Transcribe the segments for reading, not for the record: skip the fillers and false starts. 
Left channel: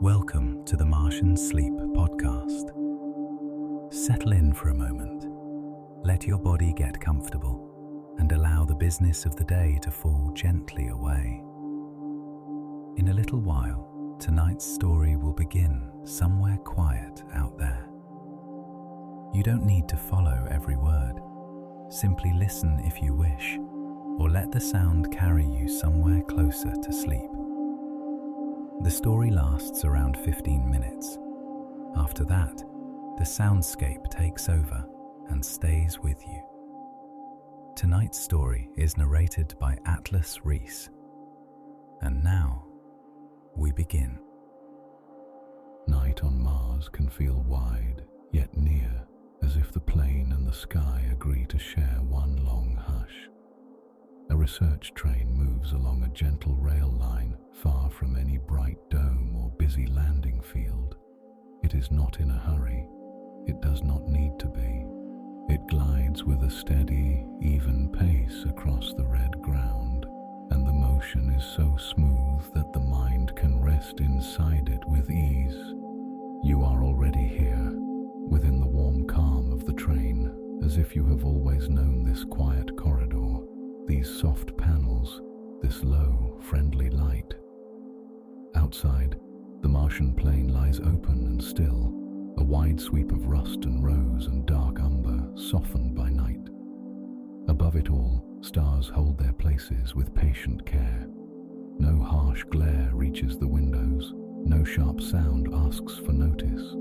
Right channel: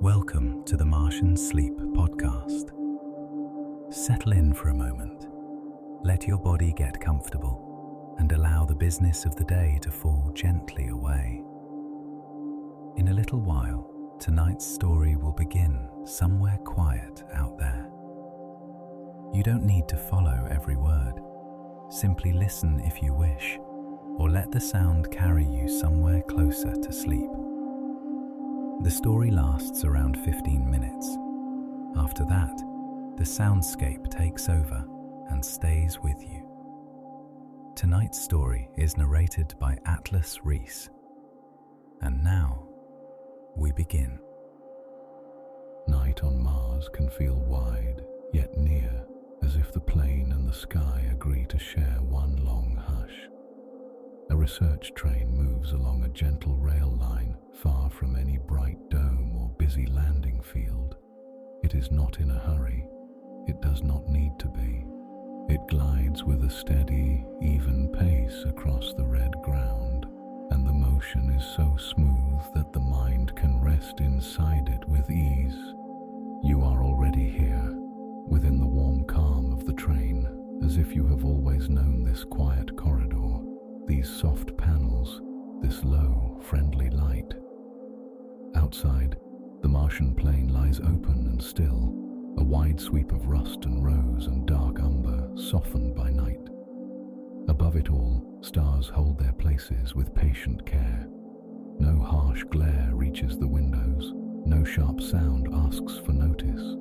Welcome to the Martian Sleep Podcast. Settle in for a moment. Let your body get comfortable and allow the business of the day to fall gently away. In a little while, tonight's story will begin somewhere quiet out there. You don't need to follow every word. Simply listen if you wish, or let the sound carry you somewhere closer to sleep. The story lasts around 15 minutes. After that, the soundscape takes over and stays with you. Tonight's story is narrated by Rhys. And now, we begin. Night on Mars can feel wide, yet near, as if the plane and the sky agree to share one long hush. A research train moves along a gentle rail line far from any bright dome or busy landing field. It is not in a hurry. It does not need to be. It glides with a steady, even pace across the red ground, and the motion is so smooth that the mind can rest inside it with ease. You are already here, within the warm calm of the train, as if you have always known this quiet corridor, these soft panels, this low, friendly light. Outside, the Martian plain lies open and still, a wide sweep of rust and rose and dark umber softened by night. Above it all, stars hold their places with patient care. No harsh glare reaches the windows, no sharp sound asks for notice.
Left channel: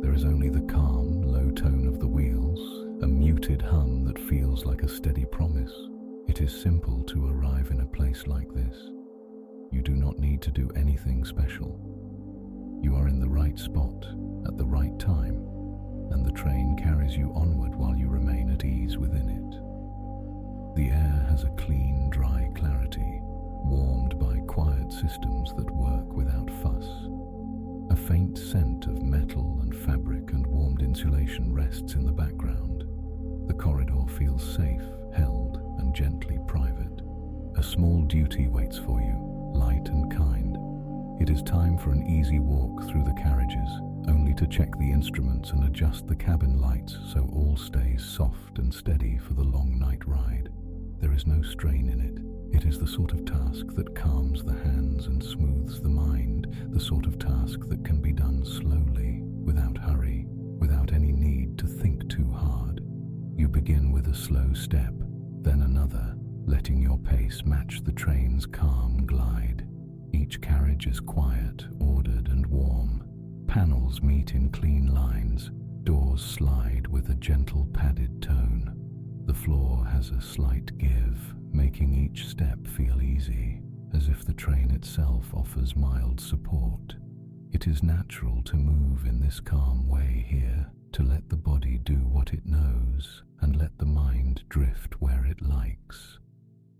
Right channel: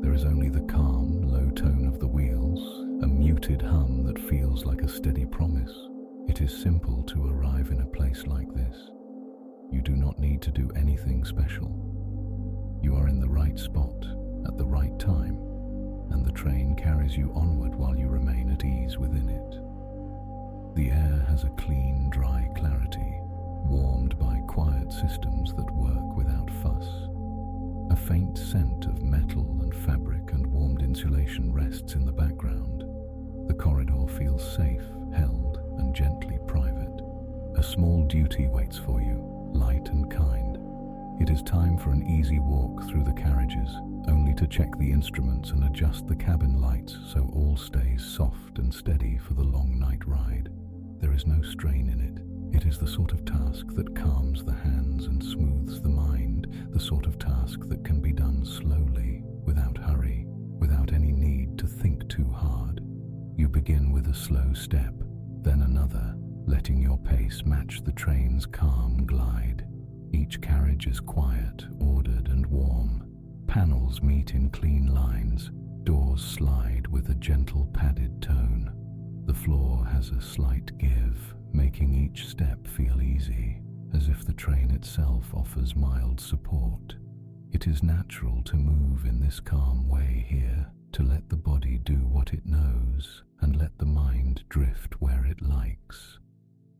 There is only the calm, low tone of the wheels, a muted hum that feels like a steady promise. It is simple to arrive in a place like this. You do not need to do anything special. You are in the right spot, at the right time, and the train carries you onward while you remain at ease within it. The air has a clean, dry clarity, warmed by quiet systems that work without fuss. A faint scent of metal and fabric and warmed insulation rests in the background. The corridor feels safe, held, and gently private. A small duty waits for you, light and kind. It is time for an easy walk through the carriages, only to check the instruments and adjust the cabin lights so all stays soft and steady for the long night ride. There is no strain in it. It is the sort of task that calms the hands and smooths the mind, the sort of task that can be done slowly, without hurry, without any need to think too hard. You begin with a slow step, then another, letting your pace match the train's calm glide. Each carriage is quiet, ordered and warm. Panels meet in clean lines, doors slide with a gentle padded tone. The floor has a slight give, making each step feel easy, as if the train itself offers mild support. It is natural to move in this calm way here, to let the body do what it knows and let the mind drift where it likes.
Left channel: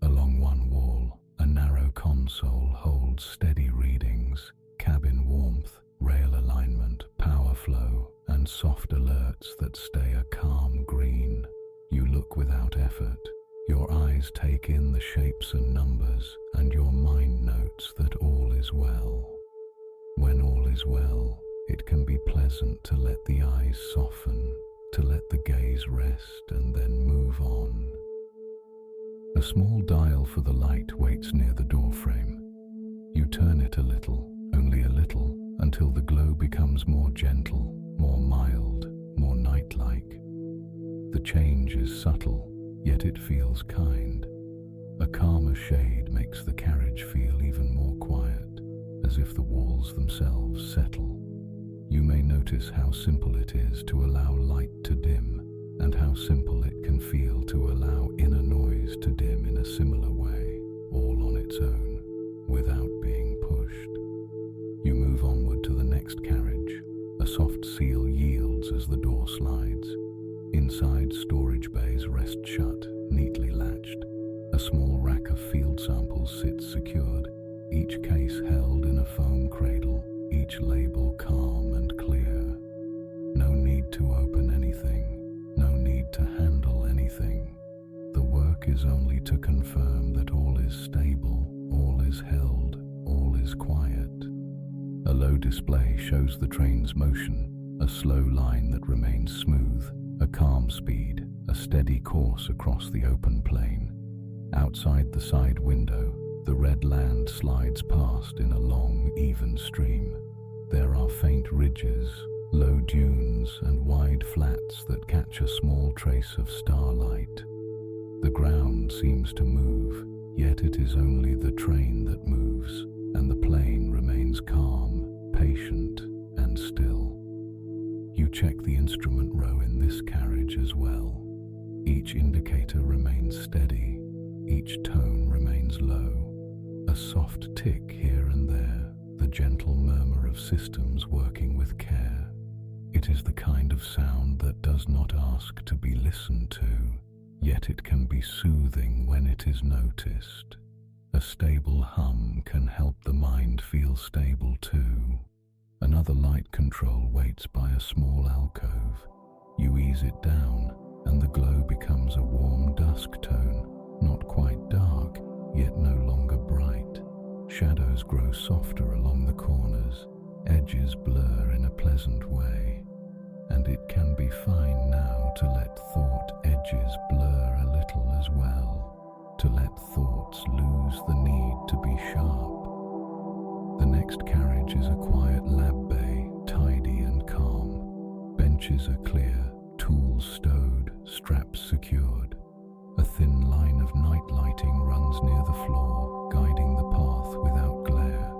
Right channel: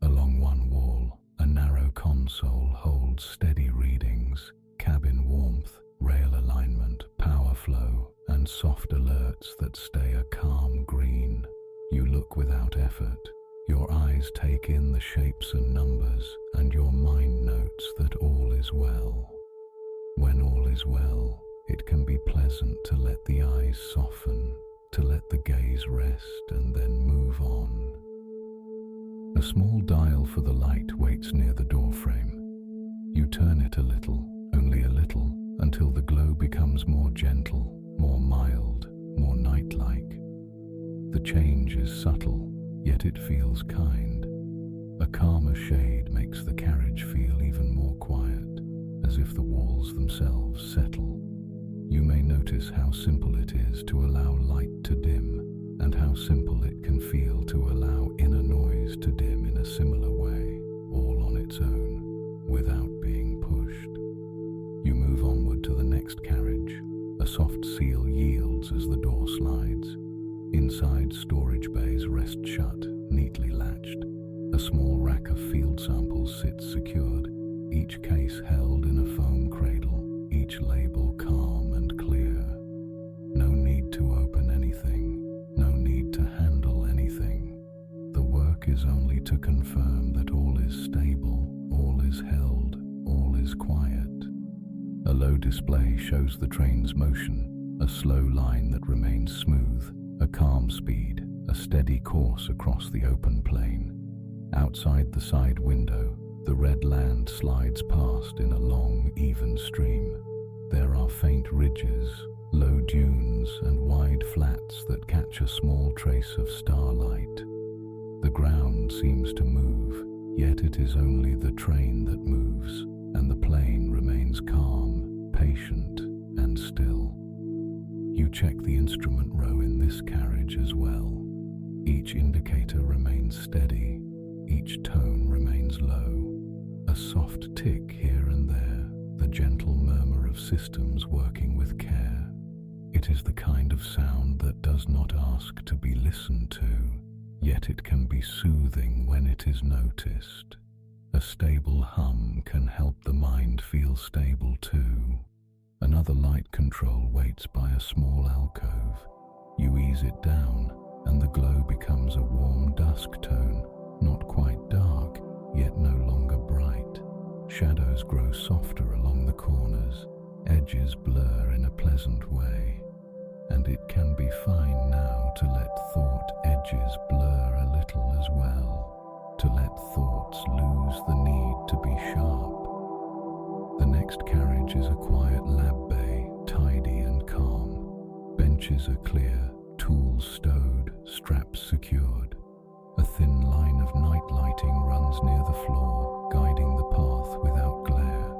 Along one wall, a narrow console holds steady readings, cabin warmth, rail alignment, power flow, and soft alerts that stay a calm green. You look without effort. Your eyes take in the shapes and numbers, and your mind notes that all is well. When all is well, it can be pleasant to let the eyes soften, to let the gaze rest and then move on. A small dial for the light waits near the doorframe. You turn it a little, only a little, until the glow becomes more gentle, more mild, more night-like. The change is subtle, yet it feels kind. A calmer shade makes the carriage feel even more quiet, as if the walls themselves settle. You may notice how simple it is to allow light to dim, and how simple it can feel to allow inner noise to dim in a similar way, all on its own, without being pushed. You move onward to the next carriage. A soft seal yields as the door slides. Inside, storage bays rest shut, neatly latched. A small rack of field samples sits secured, each case held in a foam cradle, each label calm and clear. No need to open anything, no need to handle anything. The work is only to confirm that all is stable, all is held, all is quiet. A low display shows the train's motion, a slow line that remains smooth, a calm speed, a steady course across the open plain. Outside the side window, the red land slides past in a long, even stream. There are faint ridges, low dunes, and wide flats that catch a small trace of starlight. The ground seems to move, yet it is only the train that moves, and the plain remains calm, patient, and still. You check the instrument row in this carriage as well. Each indicator remains steady, each tone remains low. A soft tick here and there, the gentle murmur of systems working with care. It is the kind of sound that does not ask to be listened to, yet it can be soothing when it is noticed. A stable hum can help the mind feel stable too. Another light control waits by a small alcove. You ease it down, and the glow becomes a warm dusk tone, not quite dark, yet no longer bright. Shadows grow softer along the corners, edges blur in a pleasant way. And it can be fine now to let thought edges blur a little as well, to let thoughts lose the need to be sharp. The next carriage is a quiet lab bay, tidy and calm. Benches are clear, tools stowed, straps secured. A thin line of night lighting runs near the floor, guiding the path without glare.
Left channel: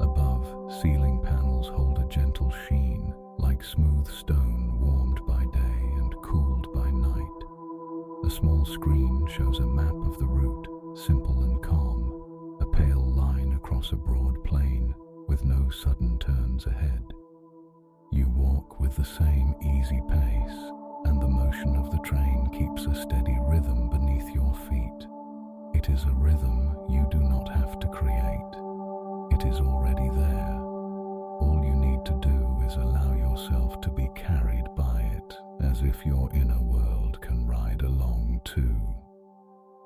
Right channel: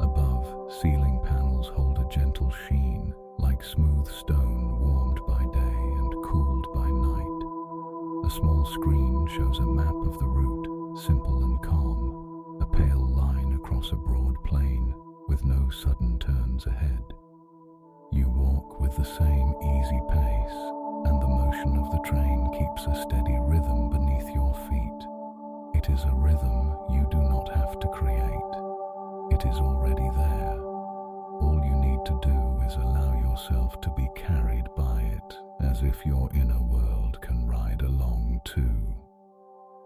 Above, ceiling panels hold a gentle sheen, like smooth stone warmed by day and cooled by night. A small screen shows a map of the route, simple and calm, a pale line across a broad plain, with no sudden turns ahead. You walk with the same easy pace, and the motion of the train keeps a steady rhythm beneath your feet. It is a rhythm you do not have to create. It is already there. All you need to do is allow yourself to be carried by it, as if your inner world can ride along too.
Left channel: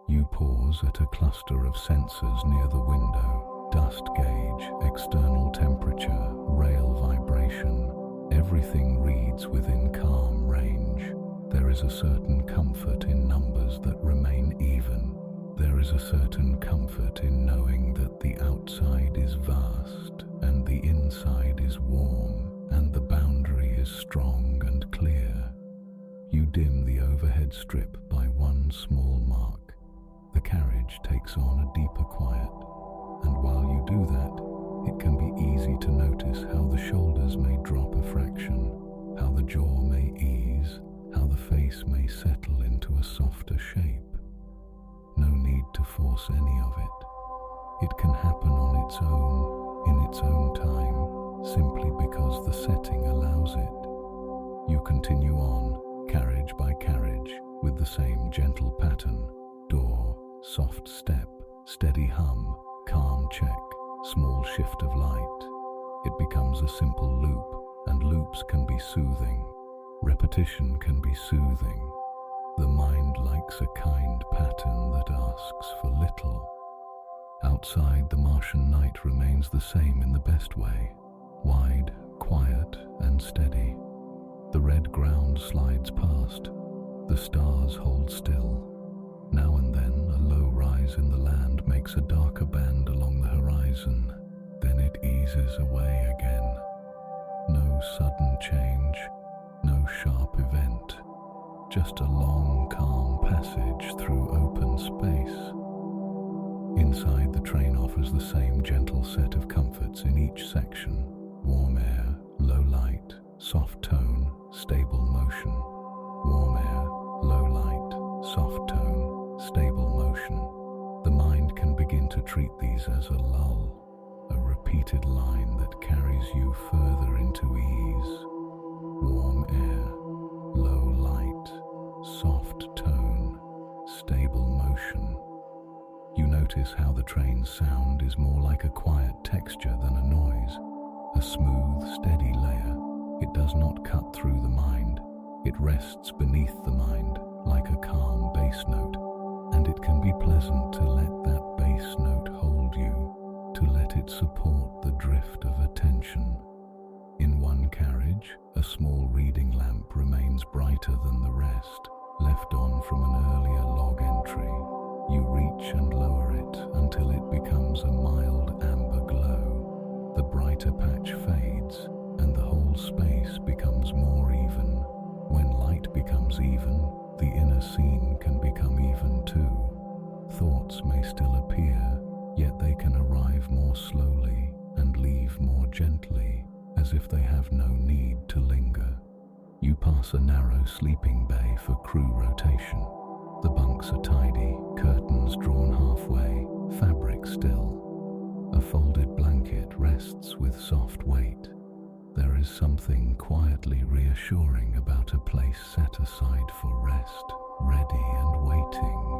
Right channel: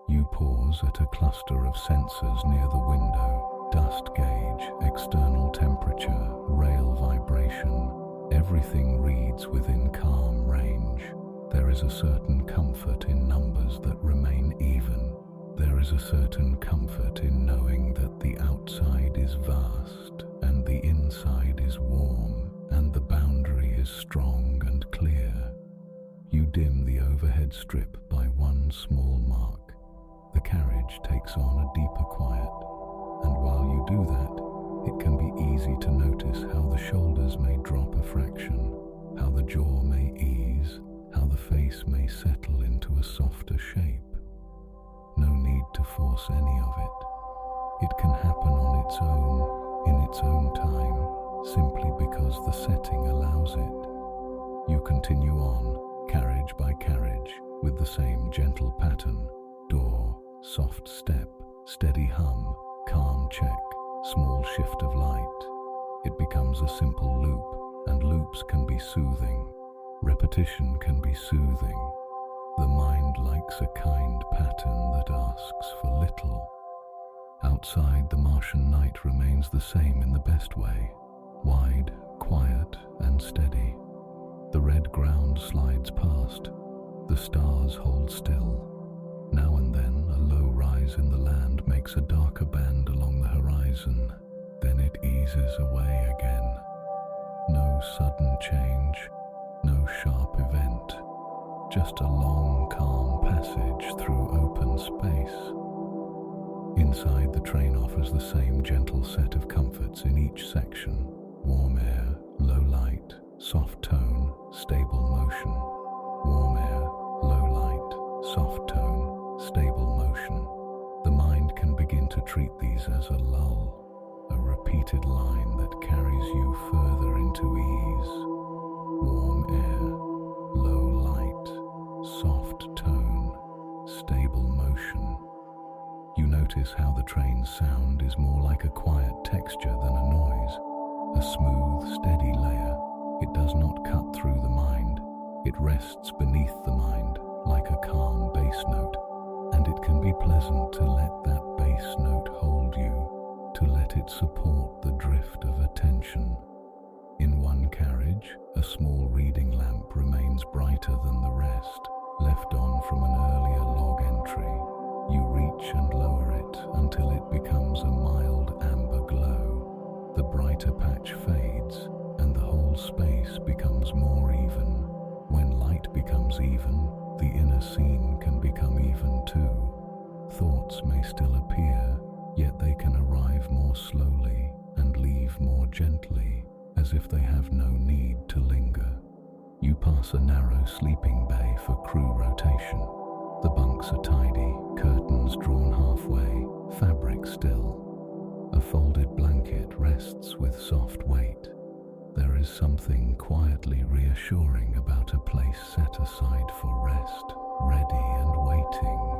You pause at a cluster of sensors near the window: dust gauge, external temperature, rail vibration. Everything reads within calm range. There is a certain comfort in numbers that remain even. There is a certain comfort in knowing that the outside is vast and the inside is warm and the boundary is strong and clear. You dim the overhead strip by one small mark. The carriage takes on a deeper quiet, and while you do that, it can be easy to notice how the shoulders may drop a fraction, how the jaw may ease, how the face may settle into a softer shape. No need to force any of it. It can happen on its own, in its own time, simply because the setting allows it. You continue on, carriage by carriage, with the same gentle pattern: door, soft step, steady hum, calm check, small shift of light. It becomes a simple loop, and loops can be soothing. Repetition can be soothing. The mind likes a kind pattern that asks for little. Outside, the Martian night remains the same in the best way: wide, quiet, and steady. The red ground slides past. The stars hold still. Now and then, a low rise in the land makes a darker band along the horizon. Then it eases away again. No sudden change, no sharp event. Just a long, calm passage through open space. Inside, the train offers the same gentle set of comforts in each section: warm air, low light, soft tone, stable motion. Warm air, low light, soft tone, stable motion. The mind can begin to treat these as a lull, a repeated line that carries you further into ease. Warm air, low light, soft tone, stable motion. You notice how the train's sound is more like a quiet texture than a noise, a smooth, steady layer. It does not cut through the mind. It rests beneath the mind, like a calm bass note, and it can be pleasant to let that bass note hold you. to let it support the drift of attention. In one carriage, a small reading lamp remains brighter than the rest, left on from an earlier log entry. You reach and lower it until it becomes a mild amber glow. The brighter patch fades, and the whole space becomes more even. When light becomes even, the inner scene can become even too. Thoughts may still appear, yet they can arrive more slowly and leave more gently, as if they have no need to linger. You pass a narrow sleeping bay for crew rotation. The bunks are tidy, curtains drawn halfway, fabric still. A folded blanket rests with soft weight. There is something quietly reassuring about a place set aside for rest, ready and waiting.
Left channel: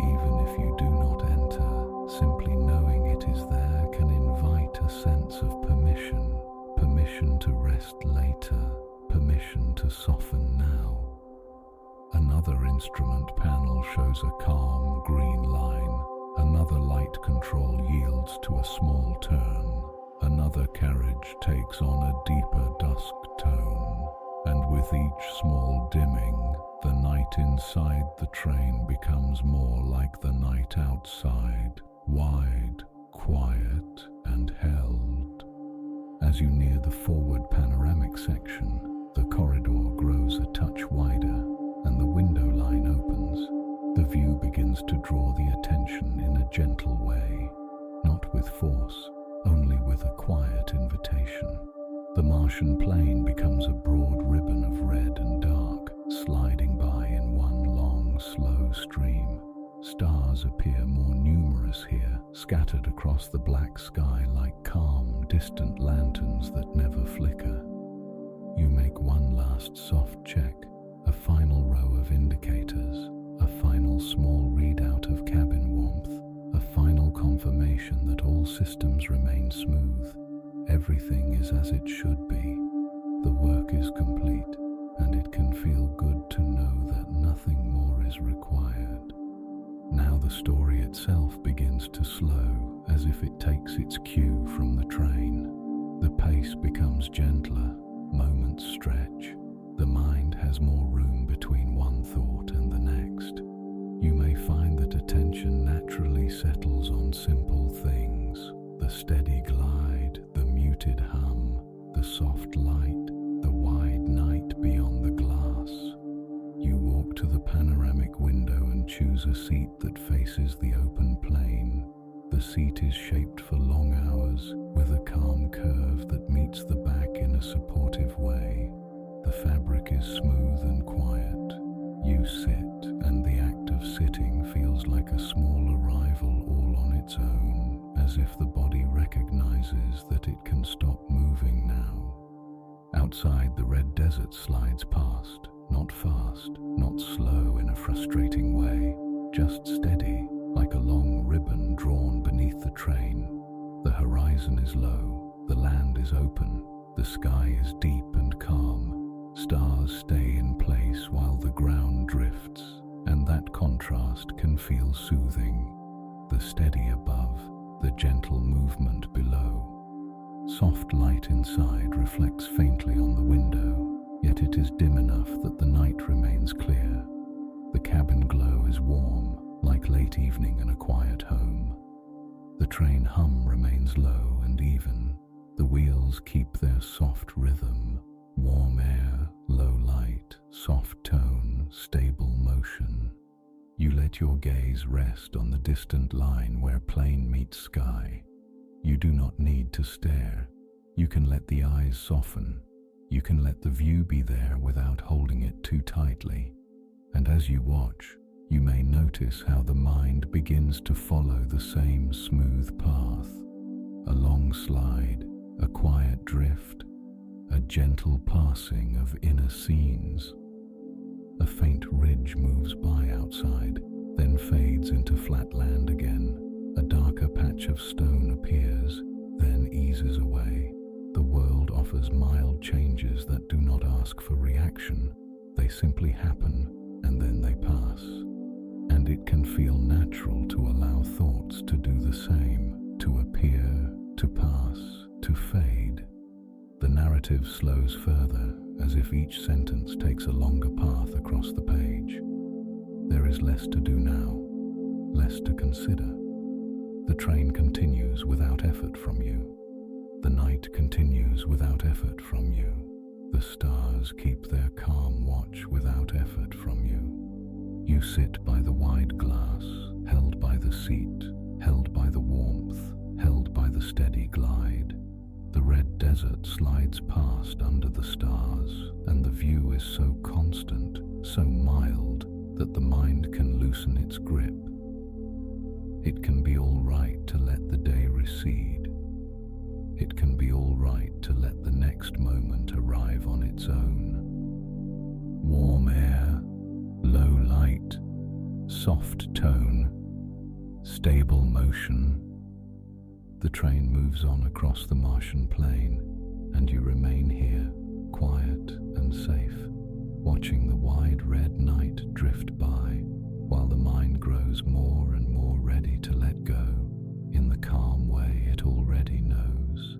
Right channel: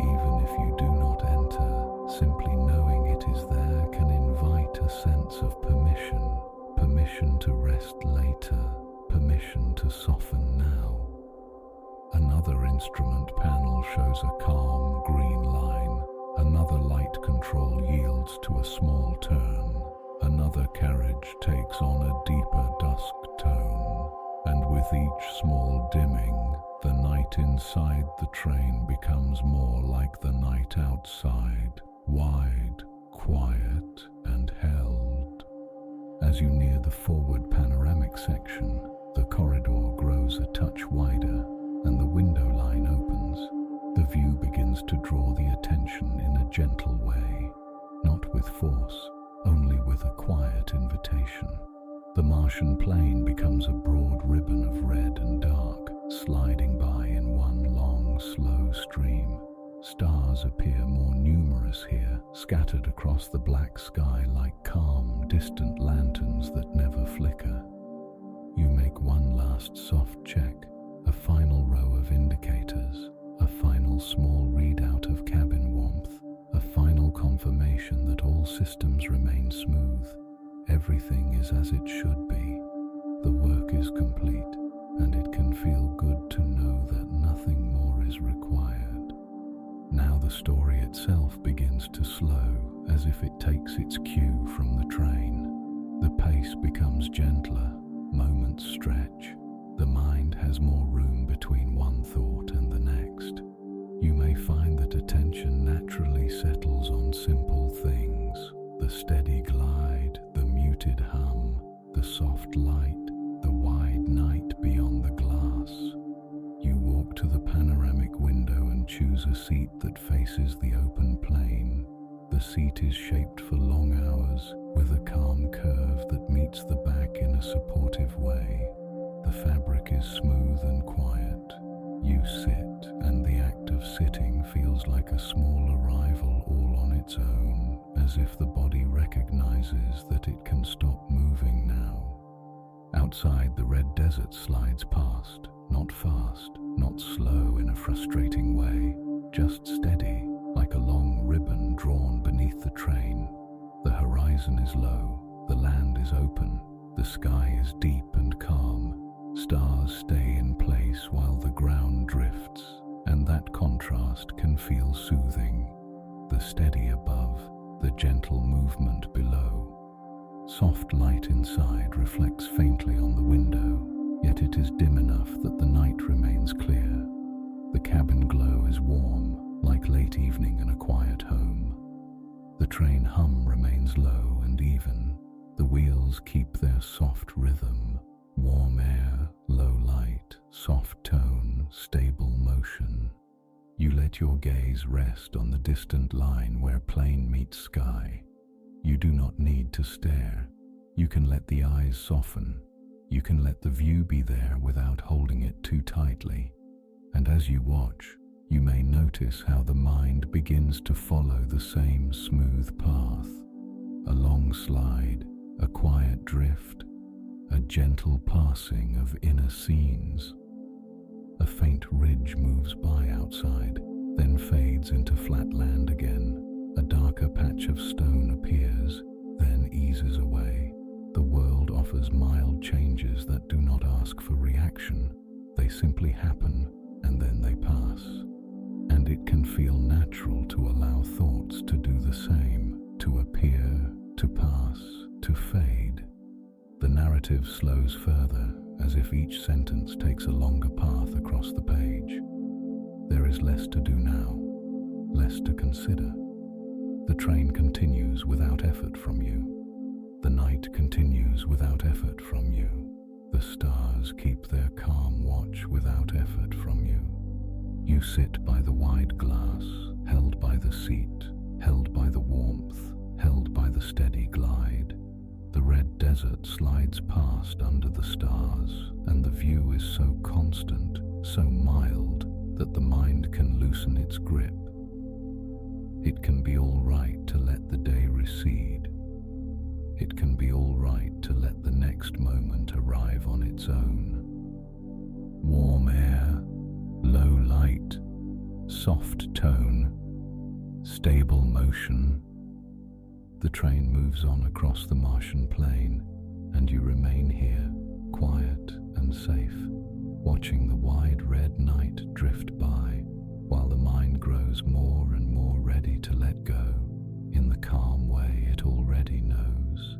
Even if you do not enter, simply knowing it is there can invite a sense of permission, permission to rest later, permission to soften now. Another instrument panel shows a calm green line. Another light control yields to a small turn. Another carriage takes on a deeper dusk tone, and with each small dimming, the night inside the train becomes more like the night outside, wide, quiet, and held. As you near the forward panoramic section, the corridor grows a touch wider, and the window line opens. The view begins to draw the attention in a gentle way, not with force, only with a quiet invitation. The Martian plain becomes a broad ribbon of red and dark, sliding by in one long, slow stream. Stars appear more numerous here, scattered across the black sky like calm, distant lanterns that never flicker. You make one last soft check, a final row of indicators, a final small readout of cabin warmth, a final confirmation that all systems remain smooth. Everything is as it should be. The work is complete, and it can feel good to know that nothing more is required. Now the story itself begins to slow, as if it takes its cue from the train. The pace becomes gentler, moments stretch. The mind has more room between one thought and the next. You may find that attention naturally settles on simple things: the steady glide, the muted hum, the soft light, the wide night beyond the glass. You walk to the panoramic window and choose a seat that faces the open plain. The seat is shaped for long hours, with a calm curve that meets the back in a supportive way. The fabric is smooth and quiet. You sit, and the act of sitting feels like a small arrival all on its own, as if the body recognizes that it can stop moving now. Outside, the red desert slides past, not fast, not slow in a frustrating way, just steady, like a long ribbon drawn beneath the train. The horizon is low, the land is open, the sky is deep and calm. Stars stay in place while the ground drifts, and that contrast can feel soothing. The steady above, the gentle movement below. Soft light inside reflects faintly on the window, yet it is dim enough that the night remains clear. The cabin glow is warm, like late evening in a quiet home. The train hum remains low and even. The wheels keep their soft rhythm. Warm air, low light, soft tone, stable motion. You let your gaze rest on the distant line where plain meets sky. You do not need to stare. You can let the eyes soften. You can let the view be there without holding it too tightly. And as you watch, you may notice how the mind begins to follow the same smooth path. A long slide, a quiet drift, a gentle passing of inner scenes. A faint ridge moves by outside, then fades into flat land again. A darker patch of stone appears, then eases away. The world offers mild changes that do not ask for reaction. They simply happen, and then they pass. And it can feel natural to allow thoughts to do the same. to appear, to pass, to fade. The narrative slows further, as if each sentence takes a longer path across the page. There is less to do now, less to consider. The train continues without effort from you. The night continues without effort from you. The stars keep their calm watch without effort from you. You sit by the wide glass, held by the seat, held by the warmth, held by the steady glide. The red desert slides past under the stars, and the view is so constant, so mild, that the mind can loosen its grip. It can be all right to let the day recede. It can be all right to let the next moment arrive on its own. Warm air, low light, soft tone, stable motion. The train moves on across the Martian plain, and you remain here, quiet and safe, watching the wide red night drift by, while the mind grows more and more ready to let go in the calm way it already knows.